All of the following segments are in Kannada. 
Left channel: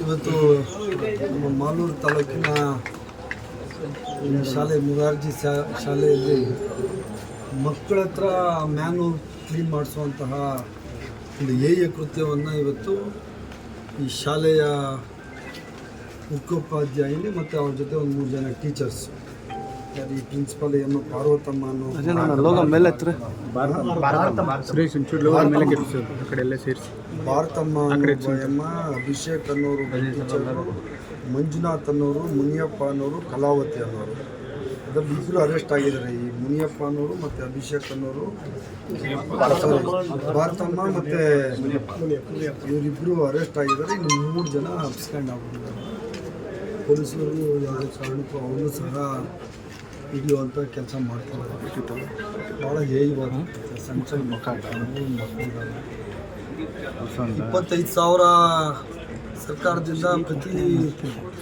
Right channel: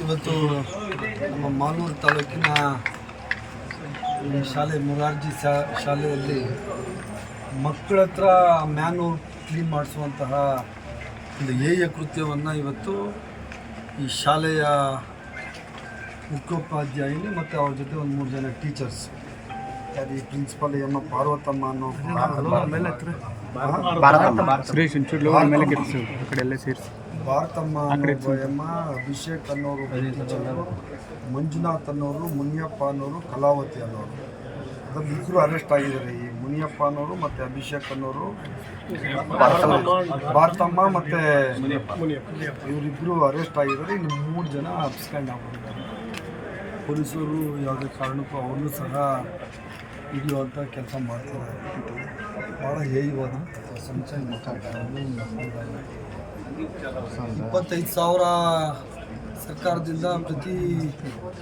ಇವತ್ತು ನಮ್ಮ ಮಾಲೂರು ತಾಲೂಕಿನ ಶಾಲೆ ಮುರಾರ್ಜಿ ಶಾಲೆಯಲ್ಲಿ ಮಕ್ಕಳ ಹತ್ರ ಮ್ಯಾನು ಕ್ಲೀನ್ ಮಾಡಿಸುವಂತಹ ಒಂದು ಏಯ ಕೃತ್ಯವನ್ನು ಇವತ್ತು ಈ ಶಾಲೆಯ ಮುಖ್ಯೋಪಾಧ್ಯಾಯಿನಿ ಮತ್ತು ಅವ್ರ ಜೊತೆ ಒಂದು ಮೂರು ಜನ ಟೀಚರ್ಸ್ ಯಾರು ಈ ಪ್ರಿನ್ಸಿಪಲ್ ಎಮ್ಮ ಪಾರ್ವತಮ್ಮ ಅನ್ನೋ ಸುರೇಶ್ ಒಂಚೂರು ಲೋಗೋ ಮೇಲೆ ಕೆತ್ತಿಸು ಆ ಕಡೆ ಎಲ್ಲ ಸೇರಿಸಿ. ಭಾರತಮ್ಮ ಅನ್ನೋ ಒಬ್ಬ ಎಮ್ಮ ಅಭಿಷೇಕ್ ಅನ್ನೋರು ಟೀಚರು ಮಂಜುನಾಥ್ ಅನ್ನೋರು ಮುನಿಯಪ್ಪ ಅನ್ನೋರು ಕಲಾವತಿ ಅನ್ನೋರು. ಅದರಲ್ಲಿ ಇಬ್ಬರು ಅರೆಸ್ಟ್ ಆಗಿದ್ದಾರೆ. ಈ ಮುನಿಯಪ್ಪ ಅನ್ನೋರು ಮತ್ತು ಅಭಿಷೇಕ್ ಅನ್ನೋರು. ಭಾರತಮ್ಮ ಮತ್ತು ಇವರಿಬ್ಬರು ಅರೆಸ್ಟ್ ಆಗಿದ್ದಾರೆ. ಇನ್ನು ಮೂರು ಜನ ಅಬ್ಸ್ಕ್ಯಾಂಡ್ ಆಗ್ಬಿಟ್ಟಿದ್ದಾರೆ. ಪೊಲೀಸರು ಯಾವುದೇ ಕಾರಣಕ್ಕೂ ಅವನು ಸಹ ಹಿಡಿಯುವಂಥ ಕೆಲಸ ಮಾಡ್ತಿದ್ದಾರೆ ಭಾಳ ಹೇಯವಾದ ಸಣ್ಣ ಸಣ್ಣ ಮಕ್ಕಳು ಮಕ್ಕಳು ಇಪ್ಪತ್ತೈದು ಸಾವಿರ ಸರ್ಕಾರದಿಂದ ಪ್ರತಿ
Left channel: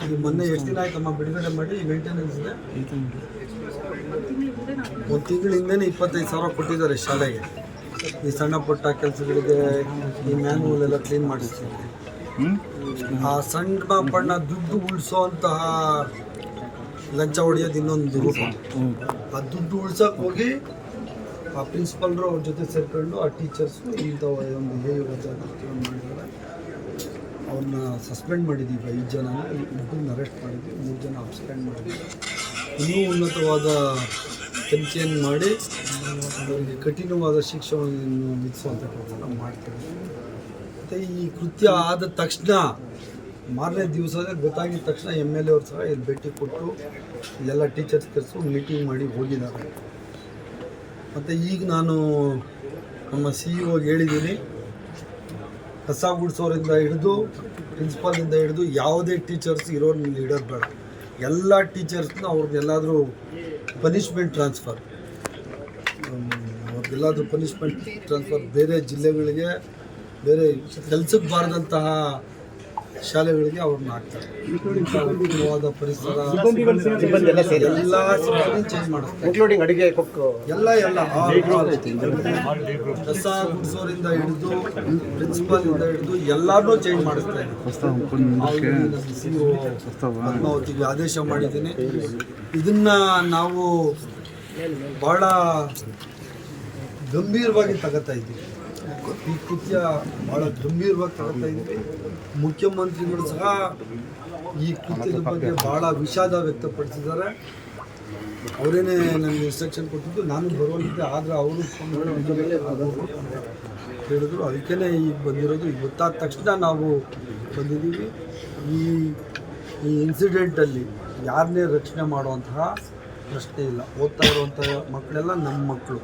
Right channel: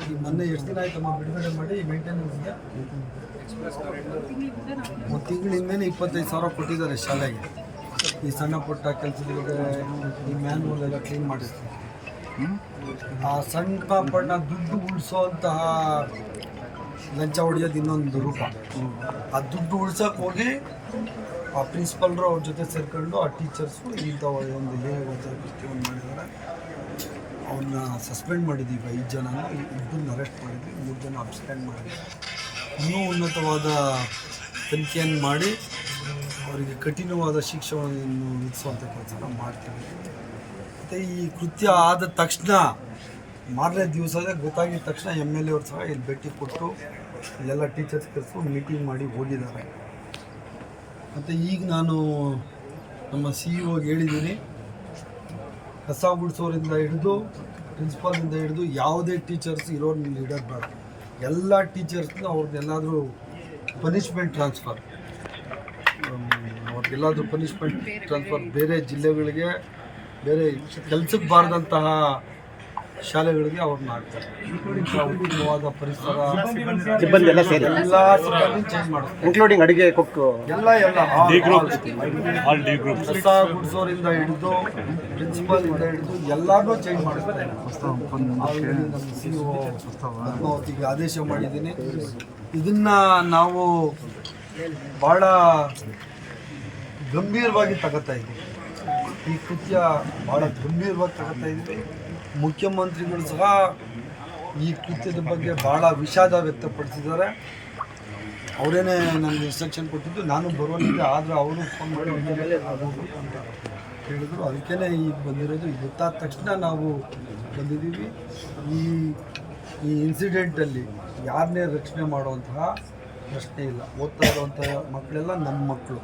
ಈ ಮೊನ್ನೆ ಎಷ್ಟು ದಿನ ಆಯ್ತಮ್ಮ ಬಿಡುಗಡೆ ಮಾಡಿ ಮೇಂಟೆನೆನ್ಸ್ ಇದೆ? ಒಂದು ತಿಂಗಳಿಂದನೇ ಇಪ್ಪತ್ತೈದು ಸಾವಿರ ಕೊಟ್ಟಿದ್ದಾರೆ ಶಾಲೆಗೆ. ಈ ಸಣ್ಣ ಪುಟ್ಟ ಕೆಲಸಗಳಿಗೆ ಈ ಮ್ಯಾನ್ಯೂಲ್ ಎಲ್ಲ ಕ್ಲೀನ್ ಮಾಡಿಸ್ಲಿಕ್ಕೆ. ಆ ಸಣ್ಣ ಪಣ್ಣ ದುಡ್ಡು ಉಳಿಸೋಂತಹ ಲಂಚ ಹೊಡಿಯೋದು ಇನ್ನೊಂದು ರೂಪ. ಆ ದುಡ್ಡು ಉಳ್ಸೋಕೆ ಹೋಗಿ ಆ ಪ್ರಿನ್ಸಿಪಲ್ರು ಅವ್ರ ಜೊತೆ ಸೇರ್ಕೊಂಡು ಆ ಟೀಚರ್ಸು ಇಂಥ ಒಂದು ಹೇ ಕೃತ್ಯವನ್ನು ಮಾಡಿದ್ದಾರೆ ಅವ್ರನ್ನ ಸಸ್ಪೆಂಡ್ ಮಾಡಿದ್ದೀವಿ ಐದು ಜನ ಇಬ್ಬರನ್ನ ಅರೆಸ್ಟ್ ಮಾಡಿದ್ವಿ. ಮೂರು ಜನ ಅಬ್ಸ್ಪೆಂಡ್ ಮಾಡಿದ್ವಿ ಇನ್ನೂ ಉನ್ನತವಾದ ತನಿಖೆಯನ್ನು ಮಾಡಿ ಅವರಿಗೆ ಕಠಿಣವಾದ ಶಿಕ್ಷಣವನ್ನು ವಿಧಿಸುವಂಥ ಕೆಲಸ ಮಾಡ್ತೀವಿ ಮತ್ತು ಈ ಕೃತ್ಯ ಆದ ತಕ್ಷಣ ಮಾರನೇ ದಿವಸದೇ ಗೊತ್ತಾಗಿದ ತಕ್ಷಣ ಎಂ ಎಲ್ ಎ ಅವ್ರು ಸಹ ಇಲ್ಲಿ ಭೇಟಿ ಕೊಟ್ಟು ಇಲ್ಲೆಲ್ಲ ಟೀಚರ್ಸ್ ಕರೆಸ್ಕೊಂಡು ಮೀಟಿಂಗ್ ಮಾಡಿ ಹೋಗಿದ್ದಾರೆ. ಮತ್ತು ಈಗ ನಾನು ನಮ್ಮ ಸಿ ಇ ಓಗೆ ಹೇಳಿದ್ದೀನಿ, ಕಸ ಗುಡಿಸೋರಿಂದ ಹಿಡಿದು ಪ್ರಿನ್ಸಿಪಾಲಿಂದ ಹಿಡಿದು ಯಾವುದೇ ಟೀಚರ್ಸ್ ಇರೋರು ಲೀಡರ್ ಬೇಡ. ಎಲ್ಲ ಟೀಚರ್ಸ್ನ ಅವ್ರದ್ದೆಲ್ಲಾದರೂ ಪನಿಷ್ಮೆಂಟ್ ಟ್ರಾನ್ಸ್ಫರ್ ಅವ್ರಿಗೆಲ್ಲಾದರೂ ಪನಿಷ್ಮೆಂಟ್ ಟ್ರಾನ್ಸ್ಫರ್ ಬೇರೆ ಜಿಲ್ಲೆಗಳಿಗೆ, ಬೇರೆ ಕೆಲಸಕ್ಕೆ ಬಾರದಂತಹ ಶಾಲೆಗಳಿಗೆ ಅವ್ರನ್ನ ಹಾಕ್ತಾರೆ ಇಂಥ ಉತ್ತಮವಾದ ಪರಿಸರ ಎಲ್ಲ ಸಿಬ್ಬಂದಿ ಚೇಂಜ್ ಮಾಡ್ತಾರೆ ಇನ್ಕ್ಲೂಡಿಂಗ್ ಅಡಿಗೆ ಕೊಟ್ಟು ಎಲ್ಲ ಎಲ್ಲ. ಕಸ ಗುಡಿಸೋರಿಂದ ಹಿಡಿದು ಪ್ರಿನ್ಸಿಪಾಲ್ ಇಂದ ಹಿಡಿದು ಎಲ್ಲಾರನ್ನೂ ಚೇಂಜ್ ಮಾಡಿಸ್ತಾ ಇದ್ದೀನಿ ಸಿ ಒ ಪದ್ಮಾವತಿಗೆ ಆದೇಶ ಮಾಡಿದ್ದೀನಿ ಇದನ್ನ ನಾವು ಭಾಳ ಗಂಭೀರವಾಗಿ ತಗೋತಾ ಇದ್ದೀವಿ ಈ ಕೃತ್ಯ ಭಾಳ ಗಂಭೀರವಾಗಿ ತಗೋತಾ ಇದ್ದೀವಿ ಮುಖ್ಯಮಂತ್ರಿಗಳು ಸಹ ಈ ಕೃತ್ಯದ ಬಗ್ಗೆ ಭಾಳ ವಿಷಾದ ವ್ಯಕ್ತಪಡಿಸಿದ್ದಾರೆ. ಅವರೇನೆ ನನಗೆ ಇನ್ಸ್ಟ್ರಕ್ಷನ್ ಕೊಟ್ಟಿದ್ದು, ನಾನು ಬರುವಂತಿದ್ದೆ ಆದರೆ ಅವರು ಫೋನ್ ಮಾಡಿ ಹೇಳಿದ್ರು. ಅದಕ್ಕೇ ಈಗ ಬಂದಿರೋದು. ಈಗ ಗೊತ್ತಾದ ತಕ್ಷಣ ನಾವು ಬಂದಿದ್ದೀವಿ. ಈ ಈ ಇನ್ಸಿಡೆಂಟಲ್ಲಿ ಯಾರನ್ನೇ ರಕ್ಷಣೆ ಮಾಡುವಂತಹ ಪ್ರಶ್ನೆ ಇಲ್ಲ. ಓದ್ತಾ ಇರುವಂಥ ಮಕ್ಕಳೆಲ್ಲ ನಮ್ಮ ಮಕ್ಕಳು.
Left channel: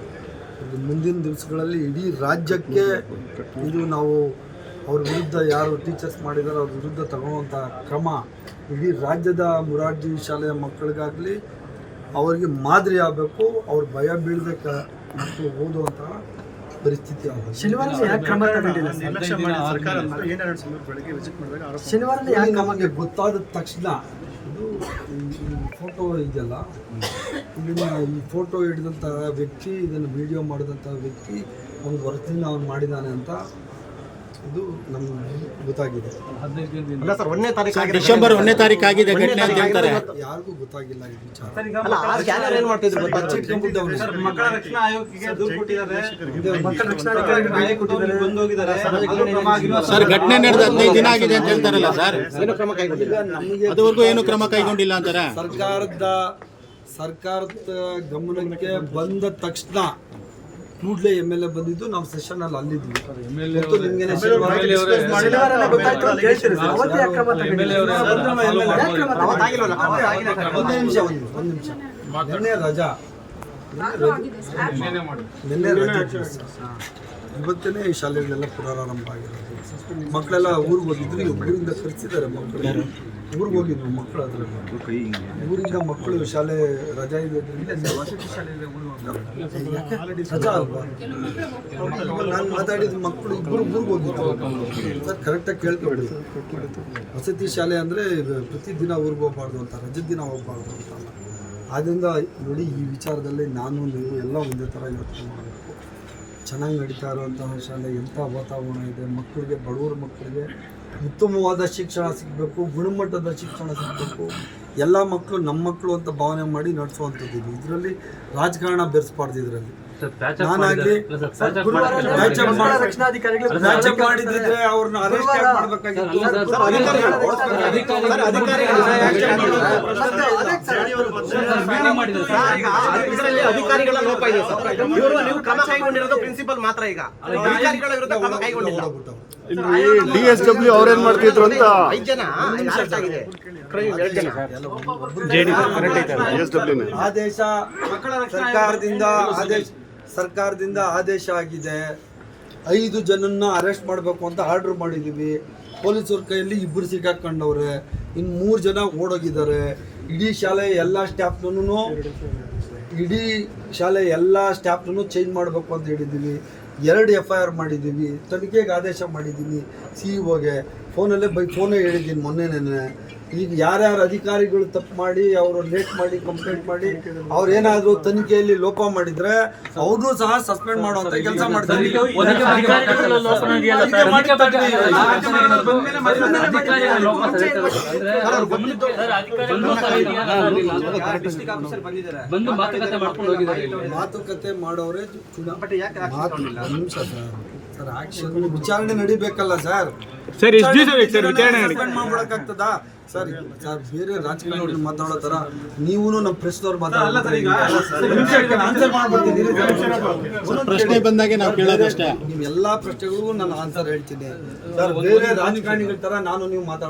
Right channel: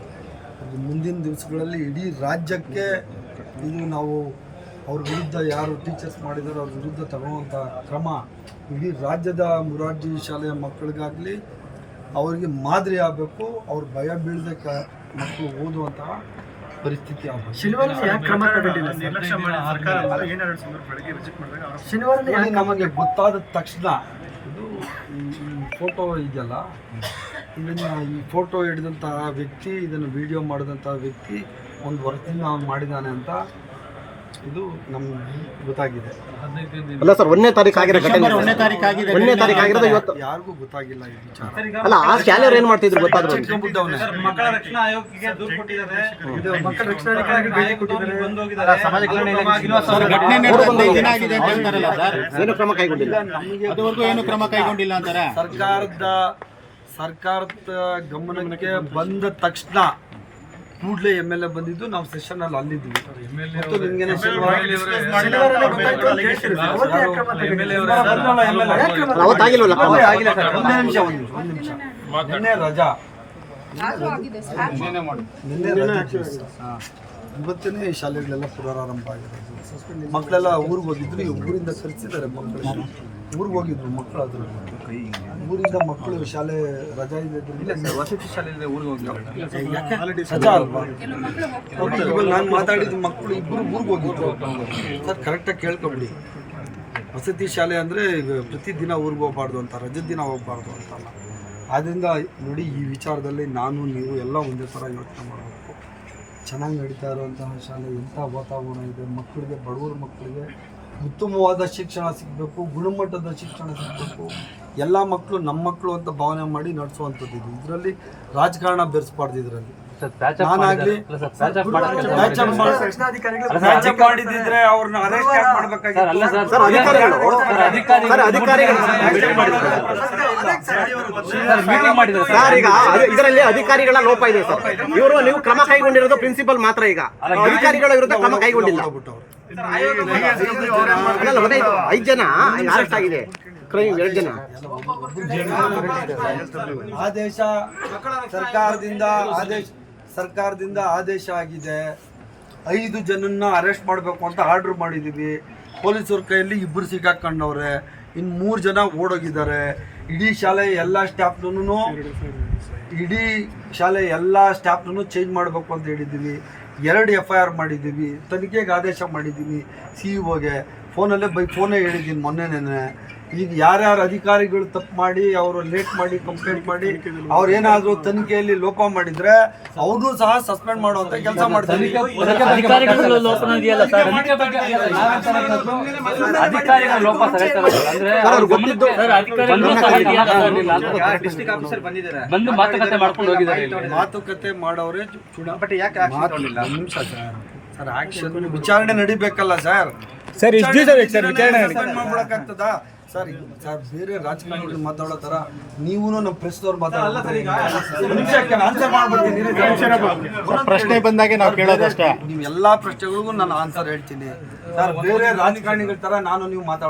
ಮುಂದಿನ ದಿವಸಗಳಲ್ಲಿ ಇಡೀ ರಾಜ್ಯಕ್ಕೆ ಇದು ನಾವು ಅವ್ರ ವಿರುದ್ಧ ಯಾರು ಟೀಚರ್ಸ್ ಮಾಡಿದಾರೋ ಅವ್ರ ವಿರುದ್ಧ ತಗೊಳ್ಳುವಂಥ ಕ್ರಮ ಇಡೀ ರಾಜ್ಯದ ಮುರಾರ್ಜಿ ಶಾಲೆಯ ಮಕ್ಕಳಿಗಾಗಲಿ ಅವರಿಗೆ ಮಾದರಿ ಆಗಬೇಕು ಅವ್ರ ಭಯ ಬೀಳದೆ ಕ ಮಕ್ಕಳು ಓದುವಂತಹ ಪರಿಸ್ಥಿತಿ ಶನಿವಾರ ಶನಿವಾರ ನಮಗೆ ಗೊತ್ತಾದ ತಕ್ಷಣ ಇದು ಈ ಈ ಫೋಟೋ ಇದೆಯಲ್ಲ? ಇದನ್ನ ಈ ಫೋಟೋ ಹಿಡಿದಂತಹ ವ್ಯಕ್ತಿ ಇದನ್ನು ವಿಡಿಯೋ ಮಾಡಿದಂತಹ ವ್ಯಕ್ತಿ ಒಂದು ವರ್ಷದಿಂದ ಅವನು ಮಾಡಿದ್ದಾನೆ ಅಂತ ಇದು ನಮ್ಗೆ ಗೊತ್ತಾಗಿದೆ. ಅಲ್ಲ ಸರ್ ಒಂದನೇ ತಾರೀಕು ಆಗಿದೆ ಡಿಸೆಂಬರ್ ಒಂದನೇ ತಾರೀಕು ಆಗಿದೆ. ಯಾರಿಗೂ ಗೊತ್ತಾಗಿಲ್ಲ ಈ ವಿಚಾರ. ಅಲ್ಲ ಆ ಶಾಲೆಯವ್ರು ಏನು ಮಾಡ್ತಿದ್ರು. ಮಕ್ಕಳ ರಕ್ಷಣಾ ಆಯೋಗಕ್ಕೆ ದೂರು ಕೊಟ್ಟಿದ್ದಾರೆ. ಇದು ಮಕ್ಕಳ ರಕ್ಷಣಾ ಅಧಿಕಾರಿಗೆ ಭೇಟಿ ಕೊಟ್ಟಿದ್ದಾರೆ ಬಂದೋಗಿದ್ದಾರೆ. ಹೋಗಿದ್ದಾರೆ ಸರ್ ಘಟನೆ ನಡೆದ ಹದಿನೈದು ದಿನ ಆಗಿದೆ ಅಂತ ಹೇಳ್ತಾರಲ್ಲ ಸರ್? ಏನು ಕ್ರಮ ಕೈಗೊಂಡಿಲ್ಲ. ನಮಗೆ ಅದುವರೆಗೂ ಏನು ಕ್ರಮ ಕೈಗೊಂಡಿಲ್ಲ ಅಂತಾರೆ? ಸರ್ಕಾರದ ಸರ್ಕಾರದ ಗಮನಕ್ಕೆ ಬಂದ ತಕ್ಷಣ ಕೂಡಲೇ ಎಂ ಎಲ್ ಎ ಬಂದಿದ್ದು ನಾವು ಸೆಷನ್ ಅಲ್ಲಿ ಅಲ್ಲಿದ್ವಿ ಮತ್ತು ನಿಮ್ಗೇನೆ ಶನಿವಾರ ಅವತ್ತಾಗಿಲ್ವಲ್ಲ? ಒಂದೇ ನಿಮಿಷ ಒಂದು ಒಂದು ನಿಮಿಷ ನಿನ್ನೆ ರಜಾ. ನಿನ್ನೆ ರಜಾ. ಇವತ್ತೇ ಶಾಲೆಗಳೆಲ್ಲ ಪುನರಾರಂಭ ಆಗಿರೋದು. ಮಕ್ಕಳೆಲ್ಲ ಊರಿಗೆ ಹೋಗಿದ್ರು ಈಗ ಊರಿಂದ ಕರೆಸಿದ್ದಾರೆ ಮಕ್ಕಳು. ಊರಿಗೆ ಹೋಗಿದ್ರು ಮಕ್ಕಳು ಅದರಲ್ಲಿ. ಊರಿಂದ ಮಕ್ಕಳು ಶಾಲೆ ರಜಾ ಇರೋದ್ರಿಂದ ರಜಾ ಅಲ್ವಾ? ಇವಾಗ ನಾನು ಮಾತಾಡಿದ ಮಕ್ಕಳು ಇಬ್ಬರು ಊರಿಗೆ ಹೋಗಿದ್ರು. ಸರ್ ಕರೆಕ್ಟಾಗಿ ಕೇಳ್ಕೊಳ್ಳಿ ವಸತಿ ಶಾಲೆ ಅಂದರೆ ಪ್ರತಿದಿನ ಊರಿಗೆ ಹೋಗ್ಬಾರ್ದು ಅಂತ ರಜದ ದಿನ ಹೋಗ್ಬಾರ್ದು ಅಂತಲ್ಲ. ಆದ್ದರಿಂದ ನೋಡಿ ಈ ವಿಚಾರದಲ್ಲಿ ನಾನು ನೀವು ಎಲ್ಲ ಒಂದೇ ಥರ ಯೋಚನೆ ಮಾಡಬೇಕು. ಚೆನ್ನಾಗಿ ನಡೀತಾ ಇರುವಂತಹ ಶಾಲೆ ಎಂಥ ವಾತಾವರಣ ಇದೆ ಮಕ್ಕಳಿಗೆ ಬಡವರ ಮಕ್ಕಳಿಗೆ ಉತ್ತಮವಾದ ಶಿಕ್ಷಣ ಸಿಗಬೇಕು, ಗುಣಮಟ್ಟದ ಶಿಕ್ಷಣ ಸಿಗಬೇಕು. ಎಲ್ಲ ಮಕ್ಕಳು ನಮ್ಮ ಮಕ್ಕಳು ಅಂತ ಭಾವನೆ ಮಾಡಿ ನಡೆಸುವಂಥದ್ದು ಇದು. ಇದರಲ್ಲಿ ರಾಜಕಾರಣ ಬೆರೆಸ್ಬಾರ್ದು ಇದರಲ್ಲಿ. ನಾನಾಗ್ಲಿ ಮಾಡಿದ್ರೆ ಅವ್ರನ್ನ ಅರೆಸ್ಟ್ ಯಾಕೆ ಇದರಲ್ಲಿ ಅಧಿಕಾರಿಗಳ ಲೋಪ ಇದೆ ಸರ್. ಇವರು ನೀವು ಕ್ರಮ ಕೈಗೊಂಡಿರೋದು ಪ್ರಿನ್ಸಿಪಲ್ ಮಾತ್ರ ಈಗ. ಅಧಿಕಾರಿಗಳ ವಿರುದ್ಧ ಕ್ರಮ ಕೈಗೊಂಡಿಲ್ಲ. ಐದು ಜನ ಅರೆಸ್ಟ್ ಆಗಿದೆ. ಕ್ರೈಮ್ ಎರಡು ಜನ. ಆದೇಶ ಸರ್ಕಾರದಿಂದ ಆದೇಶ ಸರ್ಕಾರದಿಂದ ಆದೇಶ ಆಗಿದೆ. ಐದು ಜನನ್ನ ಅರೆಸ್ಟ್ ಮಾಡಬೇಕು ಅಂತ ಆರ್ಡರ್ ಮಾಡಿದ್ದೀವಿ ಪೊಲೀಸರ ಕೈಯಲ್ಲಿ ಇಬ್ಬರು ಸಿಕ್ಕಾಕೊಂಡವ್ರೆ. ಇನ್ನು ಮೂರು ಜನ ಓಡೋಗಿದ್ದಾರೆ. ಇಡೀ ಶಾಲೆ ಎಲ್ಲ ಸ್ಟಾಫ್ನೂ ಇಡೀ ಶಾಲೆ ಎಲ್ಲ ಸ್ಟಾಫ್ನೂ ಚೇಂಜ್ ಮಾಡಬೇಕು ಅಂತ ಹೇಳಿದ್ದೀವಿ ಎರಡು ಎಫ್ ಐ ಆರ್ ಮಾಡಿದ್ದೀವಿ ತನಿಖೆಗೆ ಆದೇಶ ಮಾಡಿದ್ದೀನಿ ಸಿ ಇಒಗೆ ಫೋನಲ್ಲೇ ಬೈ ಫೋನೇ ಹೇಳಿದ್ದೀನಿ ಮೊನ್ನೆನೇ ಈಗ ಯಾರ್ಯಾರು ಅಧಿಕಾರಿಗಳು ತಪ್ಪು ಮಾಡಿ ಅವರು ಲೇಟ್ ಮಾಡಿ ಕಂಪ್ಲೇಂಟ್ ಮಾಡಿ ಅವ್ರು ಏನಾದರೂ ತನಿಖೆಯಲ್ಲಿ ಲೋಪ ಮಾಡಿದ್ರೆ ಅವ್ರನ್ನೂ ಸಹ ಸಸ್ಪೆಂಡ್ ಮಾಡುವಂತ ಕೆಲಸ ಮಾಡ್ತಾರೆ ಅಧಿಕಾರಿಗಳ ಲೋಪ ಅಂದ್ರೆ ಅವ್ರ ಗಮನಕ್ಕೆ ಬಂದು ಸಹ ಡಿಸ್ಟ್ರಿಕ್ಟ್ ಆಫೀಸರ್ ಬಂದಿದ್ದಾರೆ ಬಂದು ಮಾತುಕತೆ ಮಾಡ್ಕೊಂಡು ಹೋಗಿದ್ದಾರೆ ಮಾತುಕತೆ ಮಾಡೋರೇ ಚುನಾವಣೆ ವಿಚಾರಣೆ ನಡಿಬೇಕಲ್ಲ ಸರ್ ಸರ್, ಎಷ್ಟು ದಿವಸ ಬೇಕು ಸರ್ ವಿಚಾರಣೆ ಮಾಡ್ಬಿಡಕ್ಕಾಗ್ತದಾ? ಸರ್ ಸರ್ ಬೇರೆ ರಾಜಕಾರಣಿಗಳು ಮಾತಾಡೋ ಥರ ನೀವು ನಮ್ಮ ಪ್ರೆಸ್ದವ್ರು ಮಾತಾಡೋದು. ಪ್ರಶ್ನೆ ಬಂದಾಗೆ ನಾವು ಕೇಳೋದಷ್ಟೇ. ನೀವು ಎಲ್ಲಾ ಪ್ರಶ್ನೆಗಳಿಗೂ ನಾನು ಆನ್ಸರ್ ಹೇಳ್ತೀನಿ. ಸರ್ ಬೇರೆ ರಾಜಕಾರಣಿಗಳ ತರ ನಾನು ನೀವು ಮಾತಾಡ